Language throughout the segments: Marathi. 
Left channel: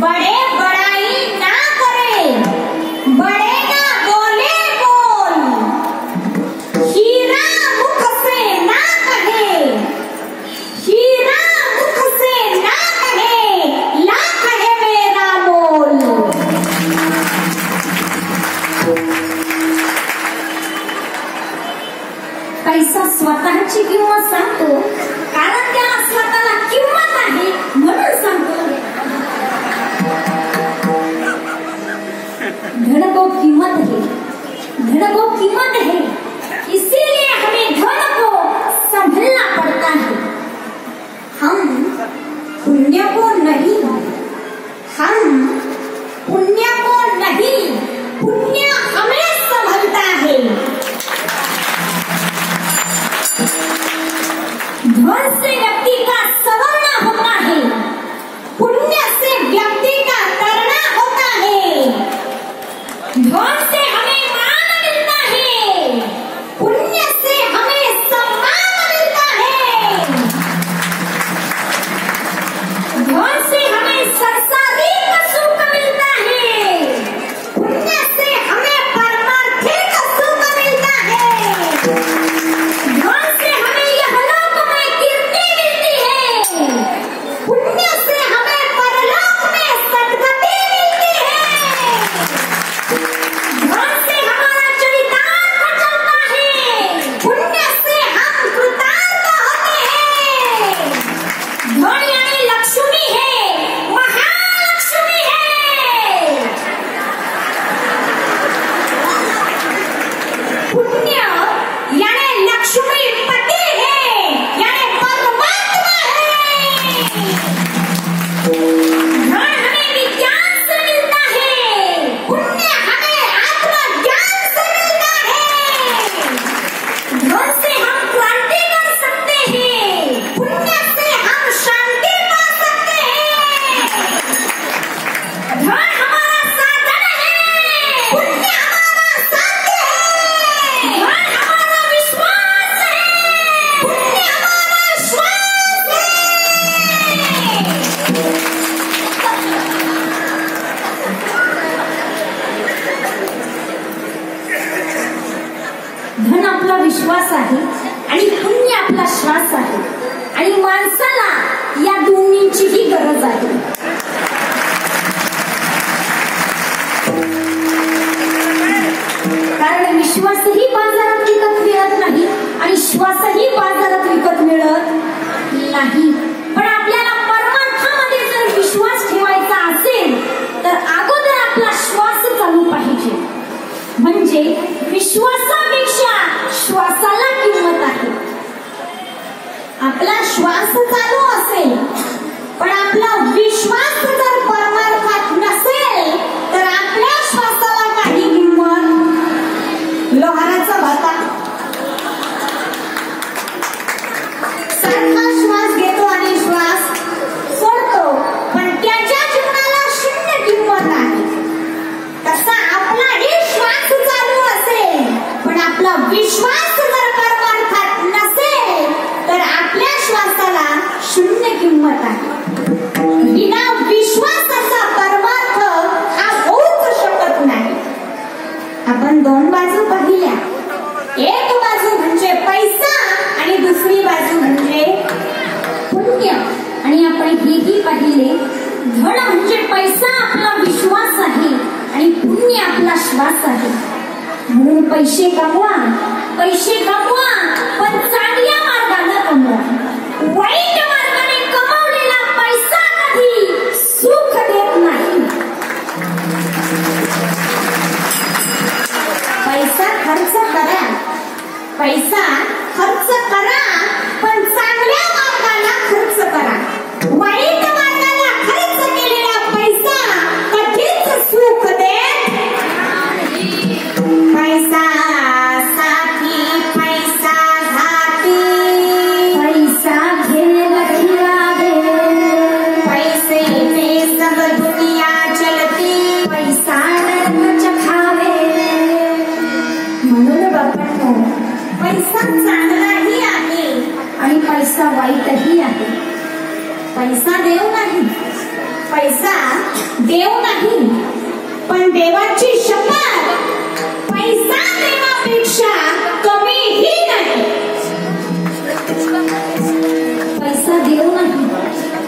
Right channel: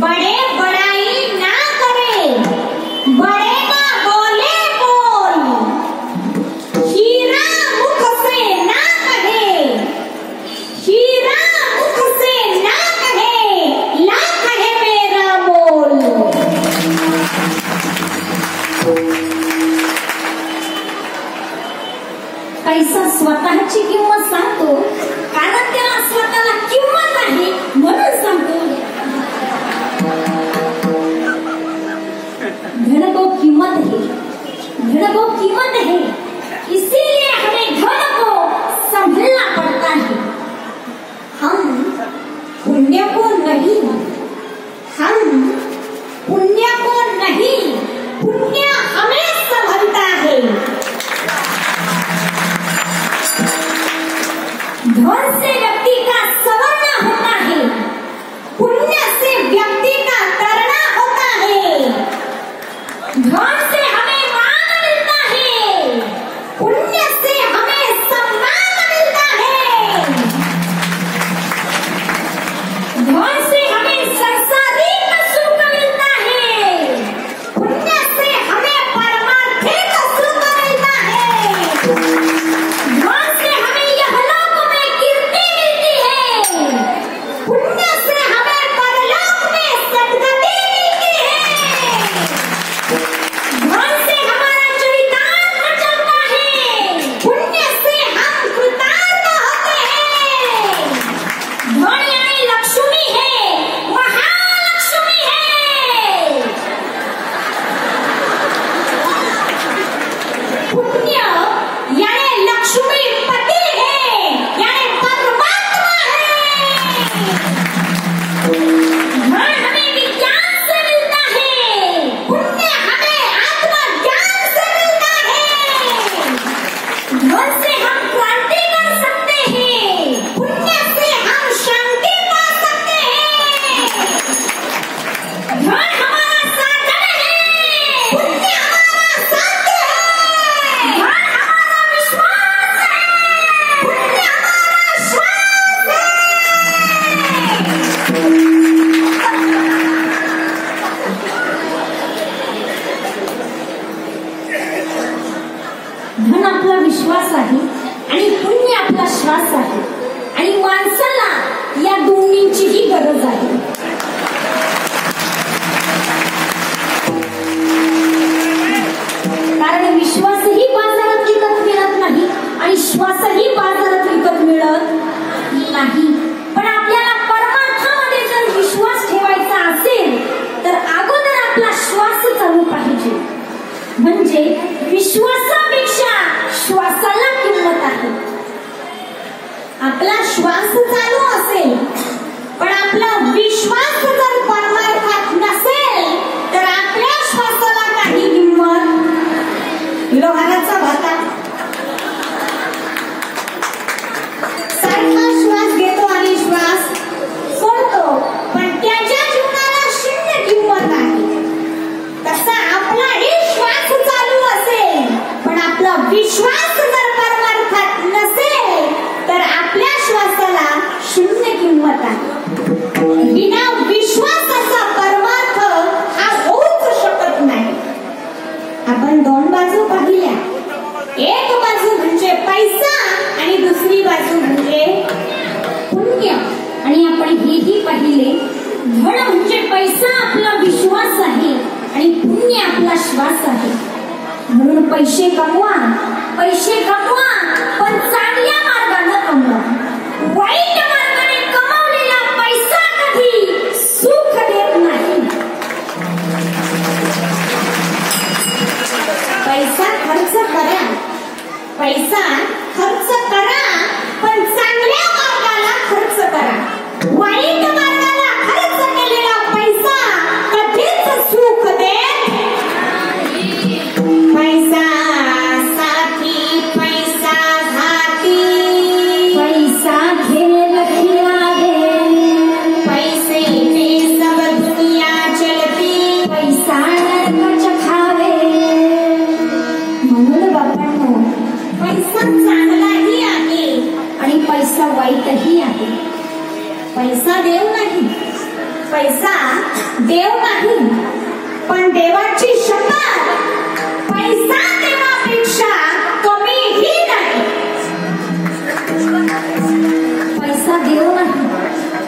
बड़े बड़ाई ना करे, बड़े ना बोले बोल, हीरा मुख से ना कहे, हीरा मुख से ना कहे, लाख है मेरा मोल। पैसा स्वतःची किंमत सांगतो, कारण त्याला स्वतःला किंमत आहे म्हणून सांगतो। धन को कीमत है, धन को कीमत है, इसीलिए हमें धन को संभलना पड़ता है। हम पुण्य को नहीं, हम पुण्य को नहीं, पुण्य हमें संभलता है। धन से व्यक्ति का संवरना होता है, पुण्य से व्यक्ति का करना होता है। धन से हमें मान मिलता है, पुण्य से हमें सम्मान मिलता है। धन से हमें सांसारिक सुख मिलता है, पुण्य से हमें पारमार्थिक सुख मिलता है। धन से हमें यहलोक में कीर्ति मिलती है, पुण्य से हमें परलोक में सद्गति मिलती है। धन से हमारा चरितार्थ चलता है, पुण्य से हम कृतार्थ होते हैं। धन यानी लक्ष्मी है, महालक्ष्मी है। पुण्य यानी लक्ष्मी पति है, यानी परमात्मा है। धन हमें विज्ञान से मिलता है, पुण्य हमें आत्मज्ञान से मिलता है। धन से हम क्रांति कर सकते हैं, पुण्य से हम शांति पा सकते हैं। धन हमारा साधन है, पुण्य हमारा साध्य है। धन हमारा विश्वास है, पुण्य हमारा श्वास है। धन आपला विश्वास आहे आणि पुण्य आपला श्वास आहे, आणि माणसाला या दोन्हीचीही गरज आहे। कारण विश्वासही बाजारात विकत मिळत नाही आणि श्वासही बाजारात विकत मिळत नाही। पण आपल्याला परमार्थामध्ये जर विश्वास ठेवायचा असेल तर अगोदर आपला श्वास चालू पाहिजे, म्हणजे विश्वासापेक्षा श्वासाला किंमत आहे। आपला श्वास चालू असेल पण आपला विश्वास जर परमार्थात नसेल तर आपल्या श्वासाला काही किंमत। लोहाराचा भाता सारखा श्वास घेतो आणि श्वास सोडतो, पण त्याच्या जीवनाला शून्य किंमत आहे। तसा आपलाही श्वास चालू असेल पण आपला विश्वास जर परमार्थात नसेल तर आपल्या श्वासाला शून्य किंमत आहे। बिना विश्वासाचा परमार्थ हा होऊच शकत नाही। आपण दोन बाजू पाहिल्या, एक बाजू म्हणजे पैसा आणि दुसरी बाजू म्हणजे पुण्य। आणि आपण हेही पाहिले, धन म्हणजे पैसा आपला विश्वास आहे आणि पुण्य आपला श्वास आहे। म्हणून पैसे कमवा, पैसे कमवा, पण चांगल्या मार्गाने कमवा। वाईट मार्गाने कमवलेला पैसा कधी सुख देत नाही। पैसा खर्च करा, पैसा खर्च करा, पण चांगल्या मार्गाला खर्च करा। वाईट मार्गाला खर्च केलेला पैसा कधीच सुख देत नाही। पैसा साथी, पैसा घाती, पैसा खेल खिलावे, पैसे में सब दुनिया चलती, पैसा नरक चखावे। म्हणून बापांनो, पैसा चांगलाही आहे आणि पैसा वाईटही आहे। पैसा देव नाही, पैसा देव नाही, पण देवाची शपथ पैसा देवापेक्षा कमीही नाही.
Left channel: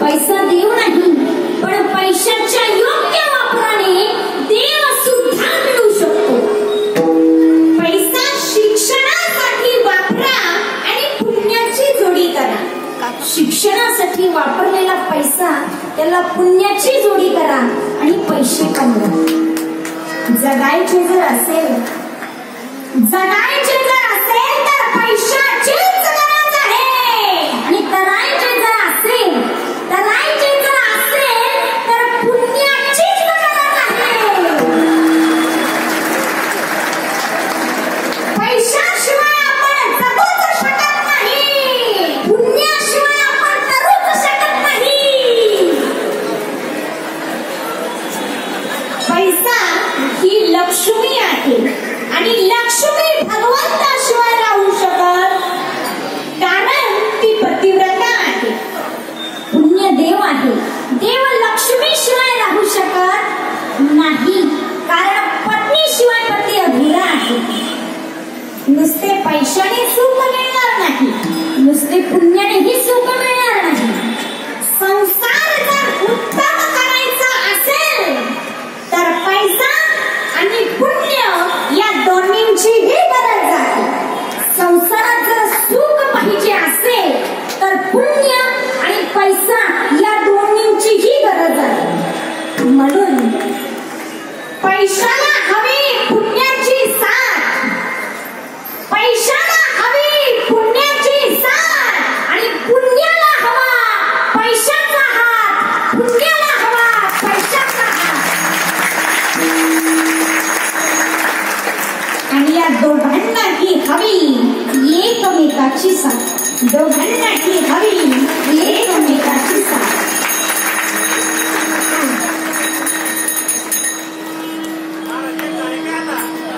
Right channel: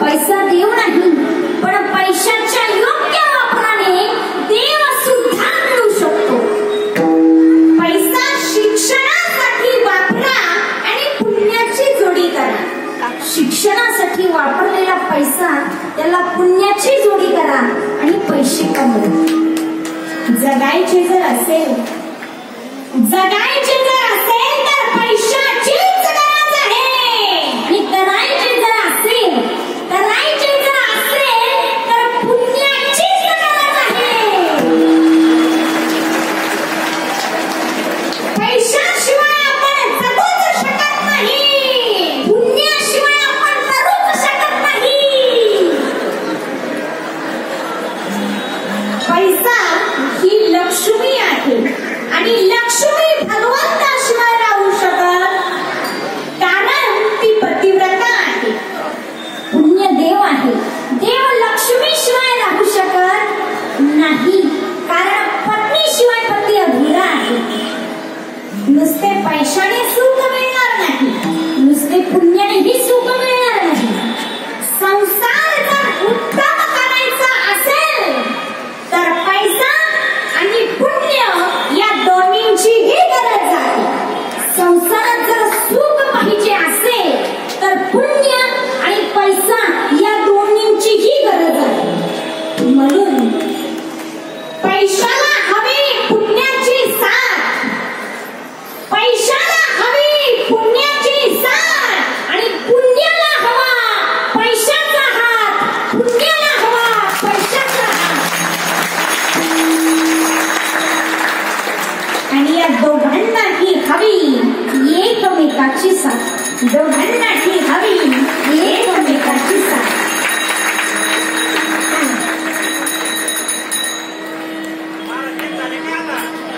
पैसा देव नाही, पण पैशाच्या योग्य वापराने देव सुद्धा मिळू शकतो. पैसा शिक्षणासाठी वापरा आणि पुण्याची जोडी करा. शिक्षणासाठी वापरलेला पैसा त्याला पुण्याची जोडी करा आणि पैसे कमवा. जगायचे जर असेल तर पैशाचीच गरज आहे. आणि करायचे जर असेल तर पुण्याचीच गरज आहे. पैशाशिवाय आपण जगूच शकत नाही, पुण्याशिवाय आपण करूच शकत नाही. पैसा ही लक्ष्मी आहे आणि लक्ष्मी भगवंताशिवाय राहू शकत, कारण ती पतिव्रता आहे. पुण्य देव आहे, देव लक्ष्मीशिवाय राहू शकत नाही, कारण पत्नीशिवाय पती अधुरा आहे. नुसते पैशाने सुख मिळणार नाही, नुसते पुण्यानेही सुख मिळणार नाही. संसार जर उत्तम करायचा असेल तर पैसा आणि पुण्य या दोन्हींचीही गरज आहे. संसारात जर सुख पाहिजे असेल तर पुण्य आणि पैसा या दोन्हींचीही गरज आहे. म्हणून पैशाला हवी पुण्याची साथ, पैशाला हवी पुण्याची साथ, आणि पुण्याला हवा पैशाचा हात, पुण्याला हवा पैशाचा हात. आणि या दोघांनाही हवी एकमेकाची साथ, दोघांनाही हवी एकमेकाची साथ.